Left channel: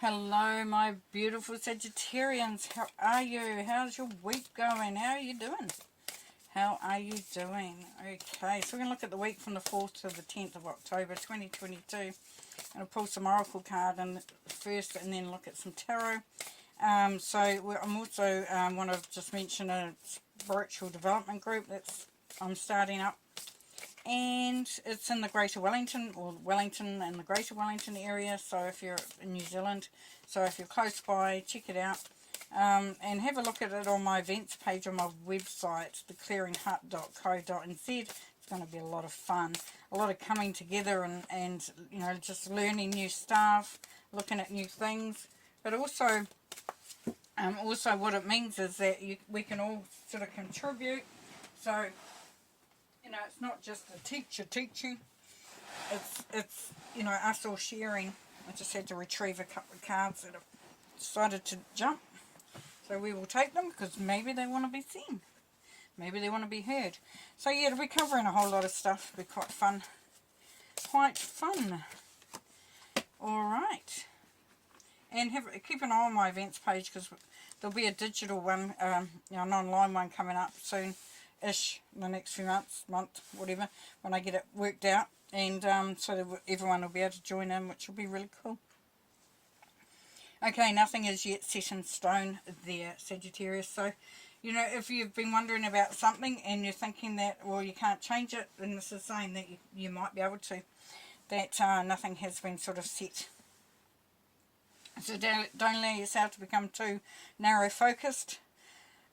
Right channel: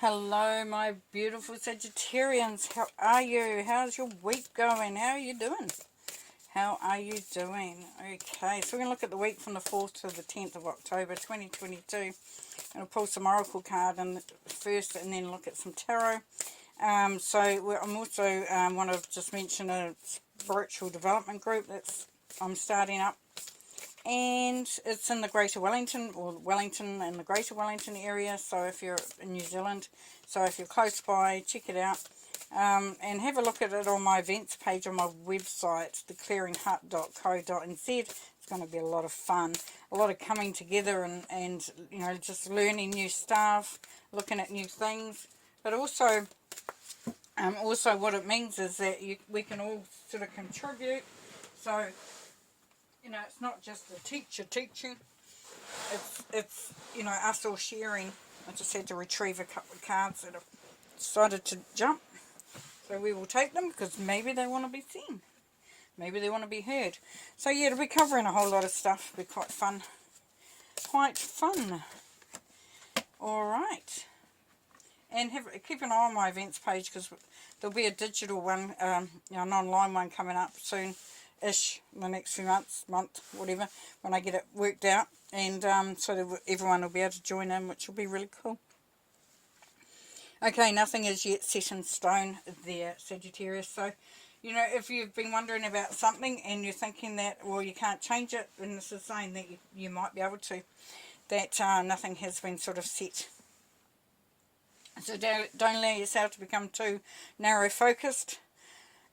Hello, my beautiful Sagittarians. How are you? How's your week going? How are you doing? How are you doing? Okay, so we're going to look at the week from the 4th to the 10th of October 2022. I'm going to pull some oracle card first and then look at some tarot. I'm also want to just mention a spiritual development group I'm starting up. And it's in the Greater Wellington, or Wellington and the Greater Wellington area, so if you're in New Zealand, so if you're close by, check it out. And have a look at it on my events page on my website, theclearinghut.co.nz. It's going to be a lot of fun, a lot of coming together and you know, just learning new stuff, looking at new things, but also what it means is that we can all sort of contribute. So, you know, it's not just a teacher teaching, it's you know, us all sharing. I just had to retrieve a couple of cards that have decided to jump, so we will take them because maybe they want to be seen, maybe they want to be heard. So yeah, it'll be covering a whole lot of stuff. It'll be quite fun, alright. And keep an eye on my events page because there'll be a digital one, you know, an online one coming up soon-ish, in the next few months, whatever, when I get it worked out. And so that everyone will be able to join in, which will be really cool. Okay, nothing is yet set in stone there, Sagittarius. So, you know, if you've been wondering about something and you're thinking that, well, you can't change it, then this is saying that you might be able to, that nothing has been sort of set. So don't allow yourself to become too narrow focused.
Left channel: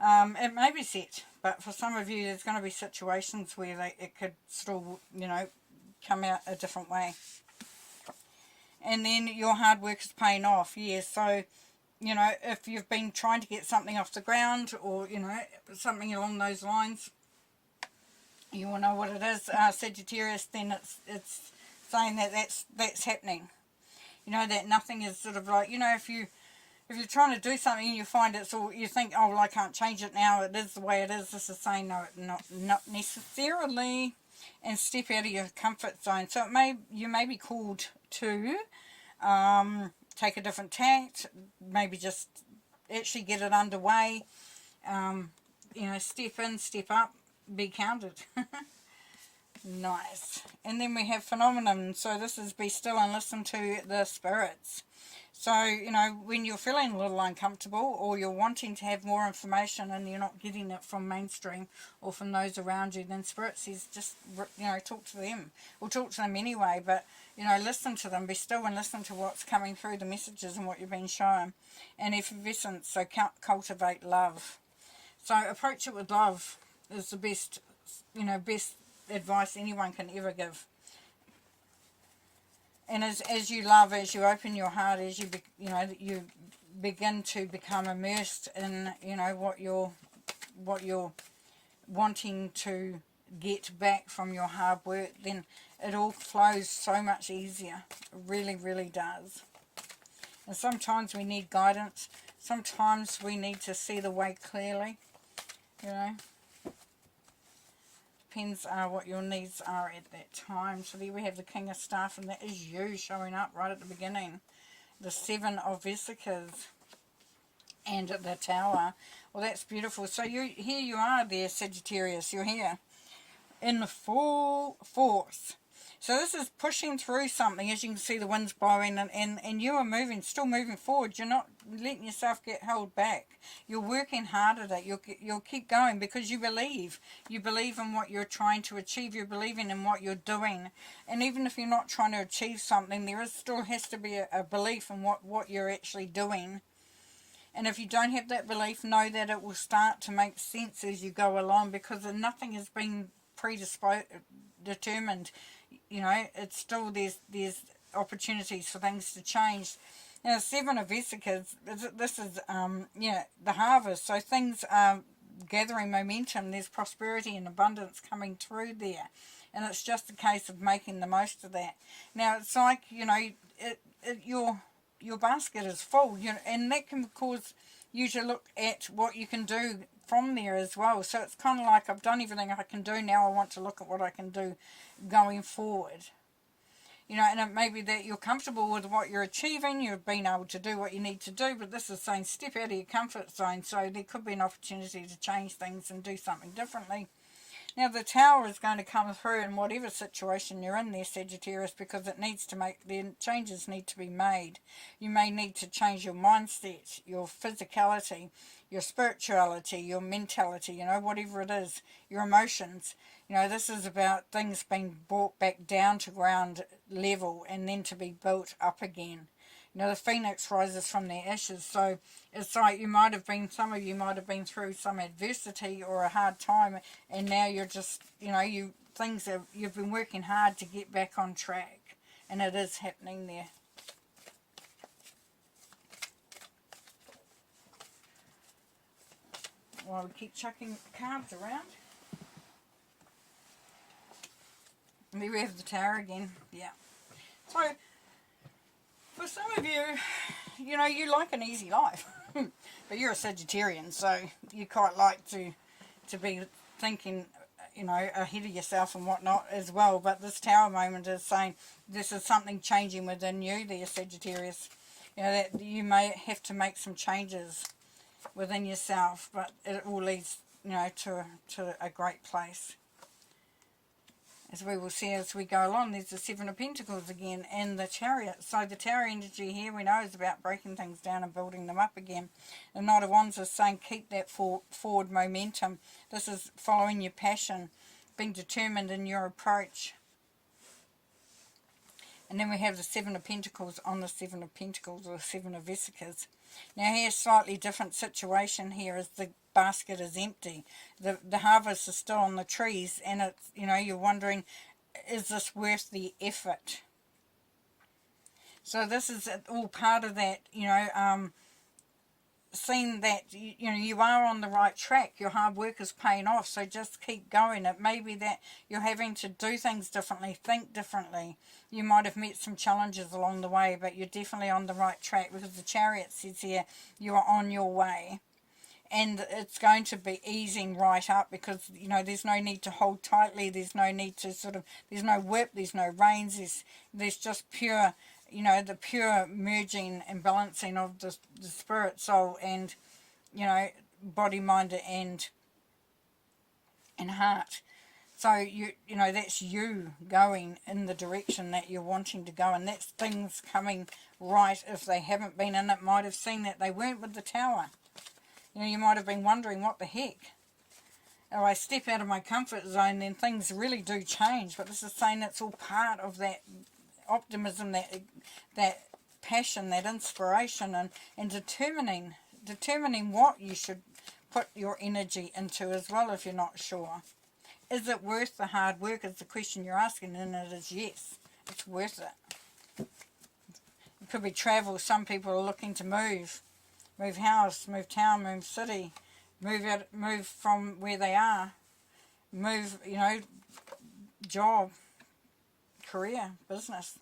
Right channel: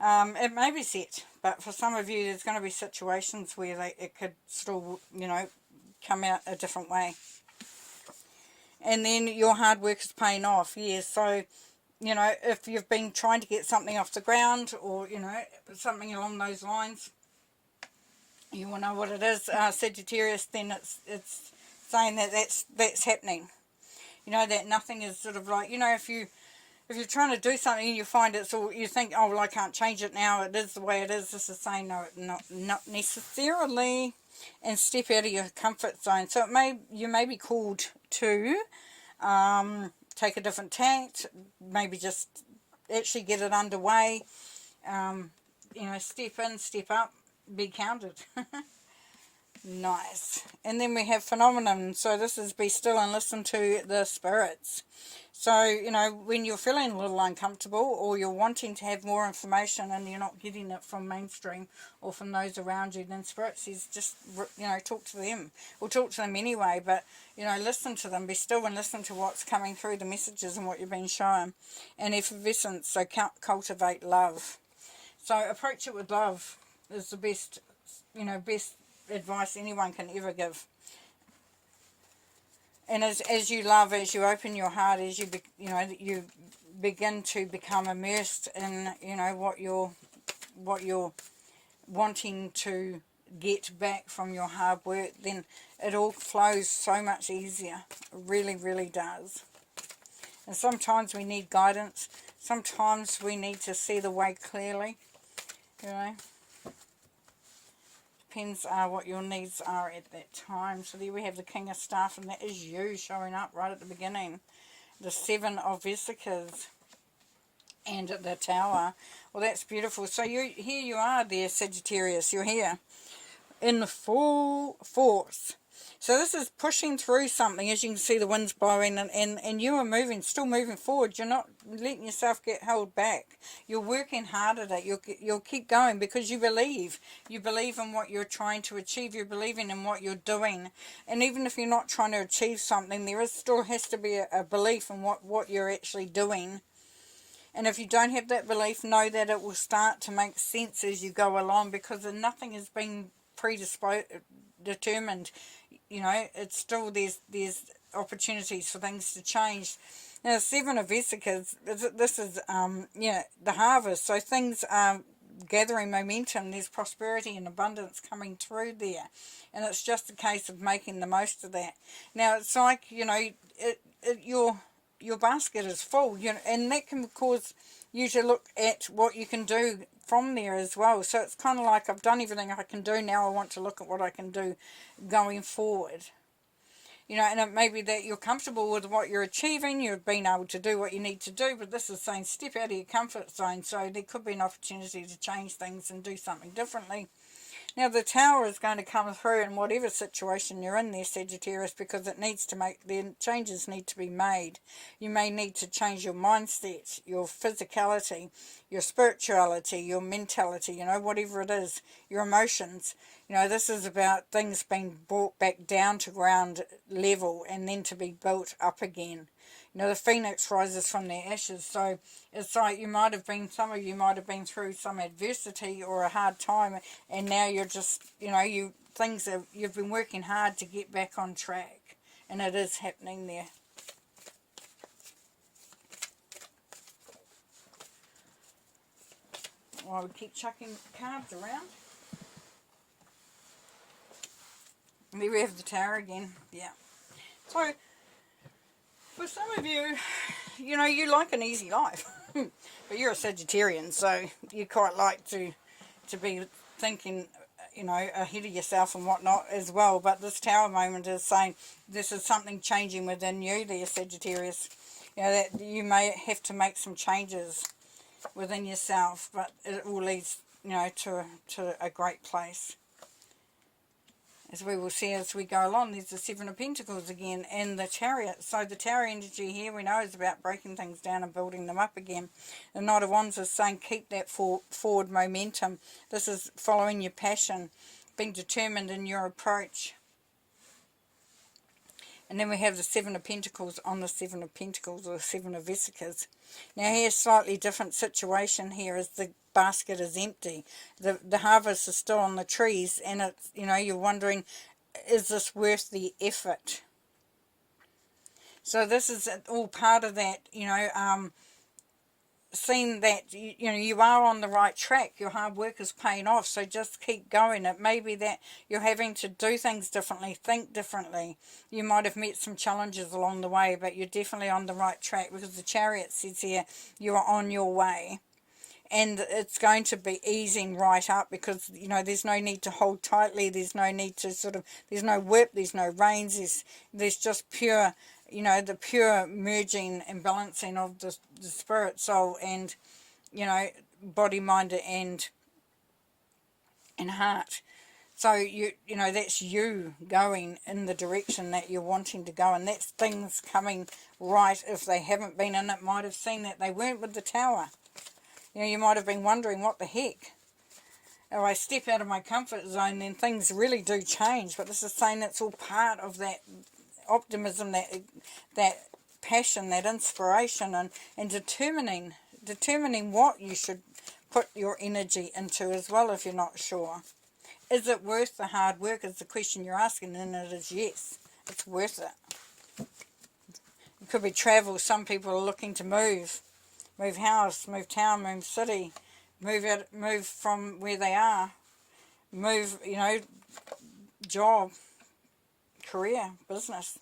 It may be set, but for some of you there's going to be situations where it could still, you know, come out a different way. And then your hard work is paying off. Yes, so, you know, if you've been trying to get something off the ground, or, you know, something along those lines, you will know what it is, Sagittarius, then it's saying that that's happening. You know, that nothing is sort of like, you know, if you're trying to do something and you find it's all, you think, oh, well, I can't change it now, it is the way it is. This is saying, no, not necessarily, and step out of your comfort zone. So you may be called to take a different tact, maybe just actually get it underway, you know, step in, step up, be counted. Nice. And then we have phenomenon. So this is be still and listen to the spirits. So, you know, when you're feeling a little uncomfortable or you're wanting to have more information and you're not getting it from mainstream or from those around you, then Spirit says just, you know, talk to them. Or talk to them anyway, but, you know, listen to them. Be still and listen to what's coming through, the messages and what you're being shown. And effervescence, so cultivate love. So approach it with love is the best, you know, best advice anyone can ever give. And as you love, as you open your heart, as you you begin to become immersed in, you know, what you're wanting to get back from your hard work, then it all flows so much easier. It really, really does. And sometimes we need guidance. Sometimes we need to see the way clearly, you know. Depends what your needs are at that time. So there we have the King of Staff, and that is you showing up right at the beginning. The Seven of Vesicas and the Tower. Well, that's beautiful. So here you are there, Sagittarius. You're here in the full force. So this is pushing through something. As you can see, the wind's blowing, and you are still moving forward. You're not letting yourself get held back. You're working hard at it. You'll keep going because you believe. You believe in what you're trying to achieve. You're believing in what you're doing. And even if you're not trying to achieve something, still has to be a belief in what you're actually doing. And if you don't have that belief, know that it will start to make sense as you go along, because nothing has been determined. You know, it's still, there's opportunities for things to change. Now, Seven of Vesicas, this is, yeah, the harvest. So things are gathering momentum. There's prosperity and abundance coming through there. And it's just a case of making the most of that. Now, it's like, you know, your basket is full, you know, and that can cause you to look at what you can do from there as well. So it's kind of like, I've done everything I can do, now I want to look at what I can do going forward. You know, and it may be that you're comfortable with what you're achieving, you've been able to do what you need to do, but this is saying step out of your comfort zone, so there could be an opportunity to change things and do something differently. Now, the Tower is going to come through in whatever situation you're in there, Sagittarius, because it needs to make, the changes need to be made. You may need to change your mindset, your physicality, your spirituality, your mentality, you know, whatever it is, your emotions. You know, this is about things being brought back down to ground level and then to be built up again. You know, the phoenix rises from their ashes, so it's like you might have been, some of you might have been through some adversity or a hard time, and now you're just, you know, you've been working hard to get back on track, and it is happening there. Well, we'll keep chucking cards around. There we have the Tower again, yeah. So, for some of you, you know, you like an easy life, but you're a Sagittarian, so you quite like to be thinking, you know, ahead of yourself and whatnot as well. But this Tower moment is saying this is something changing within you there, Sagittarius. You know, that you may have to make some changes within yourself, but it all leads, you know, to a great place. As we will see as we go along, there's the Seven of Pentacles again and the Chariot. So the Tower energy here we know is about breaking things down and building them up again. The Knight of Wands is saying keep that forward momentum. This is following your passion, being determined in your approach. And then we have the Seven of Pentacles on the Seven of Pentacles, or the Seven of Vesicas. Now here's a slightly different situation here as the basket is empty. The harvest is still on the trees, and it's, you know, you're wondering, is this worth the effort? So this is all part of that, you know, seeing that, you know, you are on the right track. Your hard work is paying off, so just keep going. It may be that you're having to do things differently, think differently. You might have met some challenges along the way, but you're definitely on the right track, because the Chariot says here you are on your way. And it's going to be easing right up, because, you know, there's no need to hold tightly. There's no need to sort of, there's no whip, there's no reins. There's just pure, you know, the pure merging and balancing of the spirit, soul, and, you know, body, mind, and heart. So, you know, that's you going in the direction that you're wanting to go, and that's things coming right if they haven't been, and it might have seen that they weren't with the Tower. You know, you might have been wondering, what the heck? If I step out of my comfort zone, then things really do change. But this is saying it's all part of that optimism, that passion, that inspiration, and determining what you should put your energy into as well if you're not sure. Is it worth the hard work is the question you're asking, and it is yes. It's worth it. It could be travel. Some people are looking to move house, move town, move city, move from where they are, move, you know, job, career, business.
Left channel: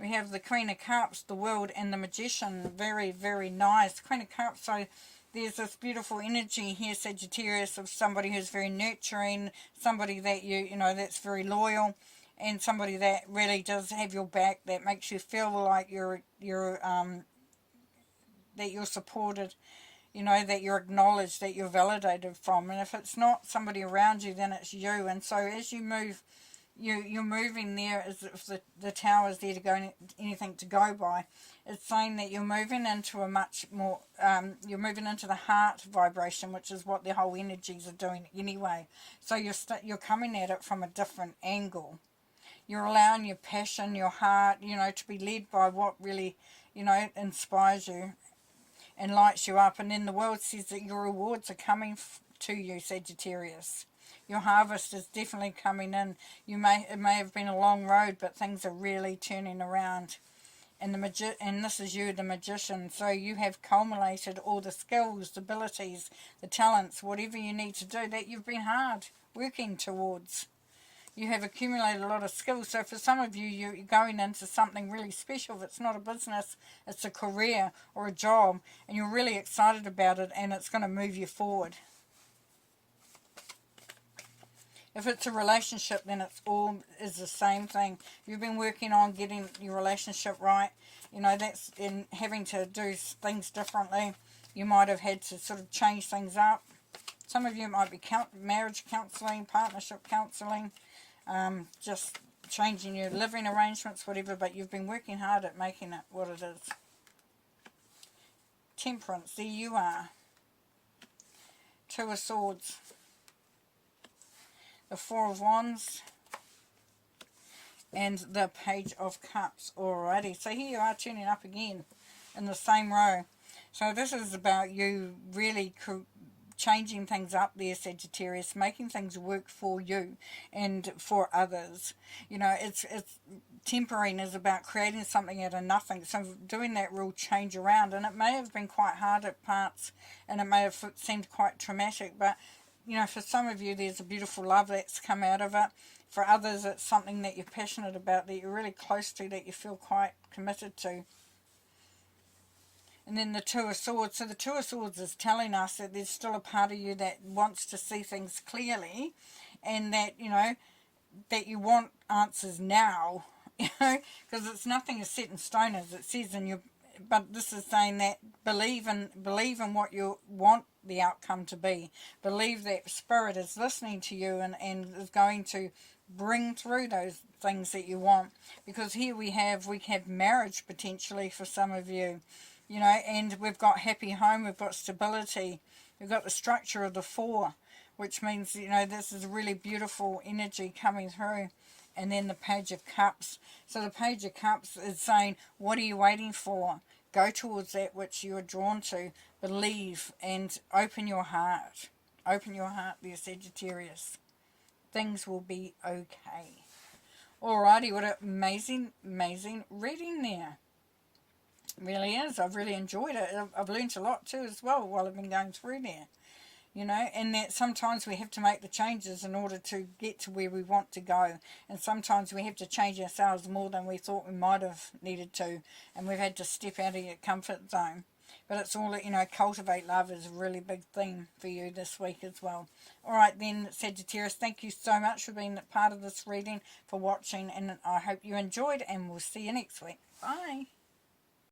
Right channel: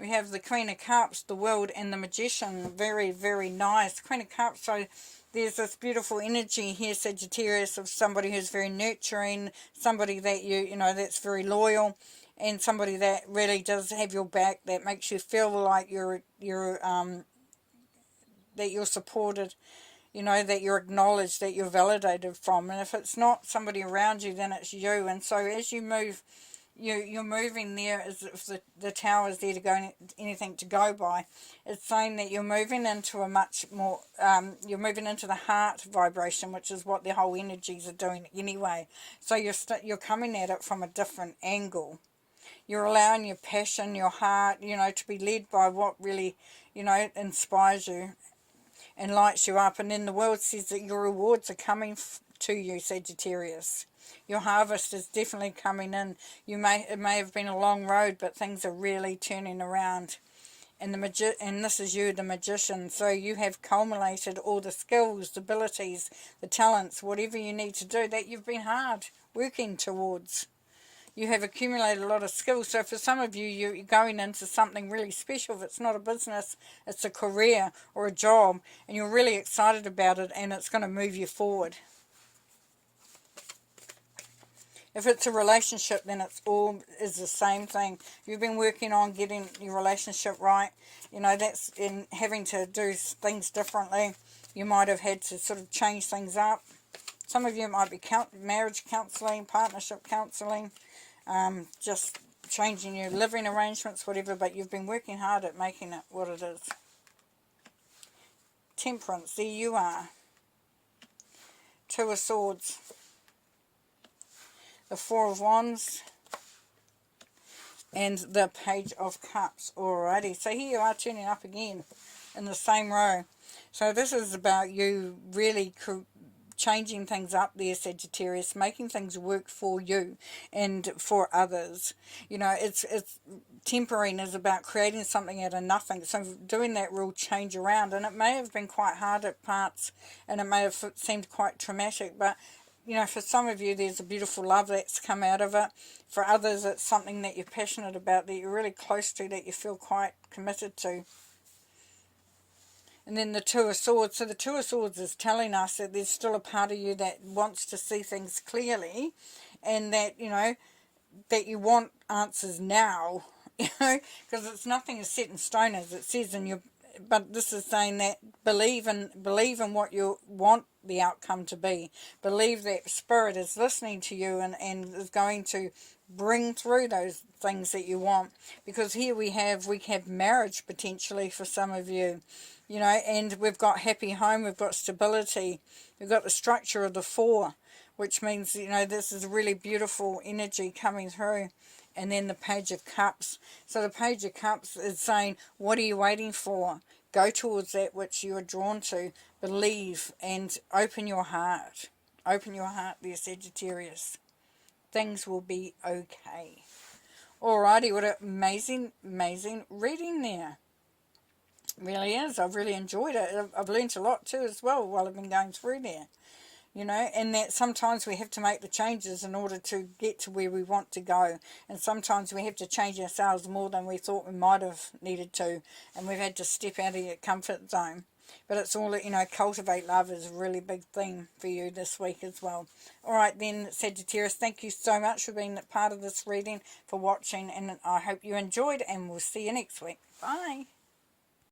We have the Queen of Cups, the World, and the Magician. Very, very nice. Queen of Cups, so there's this beautiful energy here, Sagittarius, of somebody who's very nurturing, somebody that you know, that's very loyal, and somebody that really does have your back, that makes you feel like that you're supported, you know, that you're acknowledged, that you're validated from. And if it's not somebody around you, then it's you. And so as you move, you're moving there as if the Tower is there to go, anything to go by. It's saying that you're moving into a much more, you're moving into the heart vibration, which is what the whole energies are doing anyway. So you're coming at it from a different angle. You're allowing your passion, your heart, you know, to be led by what really, you know, inspires you and lights you up. And then the world says that your rewards are coming to you, Sagittarius. Your harvest is definitely coming in. It may have been a long road, but things are really turning around. And this is you, the Magician. So you have culminated all the skills, the abilities, the talents, whatever you need to do that you've been hard working towards. You have accumulated a lot of skills. So for some of you, you're going into something really special. If it's not a business, it's a career or a job, and you're really excited about it, and it's going to move you forward. If it's a relationship, then it's all is the same thing. If you've been working on getting your relationship right, you know, that's in having to do things differently. You might have had to sort of change things up. Some of you might be marriage counselling, partnership counselling, just changing your living arrangements, whatever, but you've been working hard at making it what it is. Temperance, there you are. Two of Swords. The Four of Wands. And the Page of Cups. Alrighty, so here you are turning up again in the same row. So this is about you really changing things up there, Sagittarius, making things work for you and for others. You know, it's tempering is about creating something out of nothing. So doing that real change around, and it may have been quite hard at parts, and it may have seemed quite traumatic, but you know, for some of you there's a beautiful love that's come out of it. For others it's something that you're passionate about, that you're really close to, that you feel quite committed to. And then the Two of Swords. So the Two of Swords is telling us that there's still a part of you that wants to see things clearly, and that, you know, that you want answers now, you know, because it's nothing is set in stone, as it says in your, but this is saying that believe in what you want the outcome to be. Believe that Spirit is listening to you and is going to bring through those things that you want. Because here we have marriage potentially for some of you. You know, and we've got happy home, we've got stability, we've got the structure of the Four, which means, you know, this is really beautiful energy coming through. And then the Page of Cups. So the Page of Cups is saying, what are you waiting for? Go towards that which you are drawn to. Believe and open your heart. Open your heart there, Sagittarius. Things will be okay. Alrighty, what an amazing, amazing reading there. Really is. I've really enjoyed it. I've learnt a lot too as well while I've been going through there. You know, and that sometimes we have to make the changes in order to get to where we want to go. And sometimes we have to change ourselves more than we thought we might have needed to. And we've had to step out of your comfort zone. But it's all, you know, cultivate love is a really big thing for you this week as well. All right then, Sagittarius, thank you so much for being part of this reading, for watching. And I hope you enjoyed, and we'll see you next week. Bye.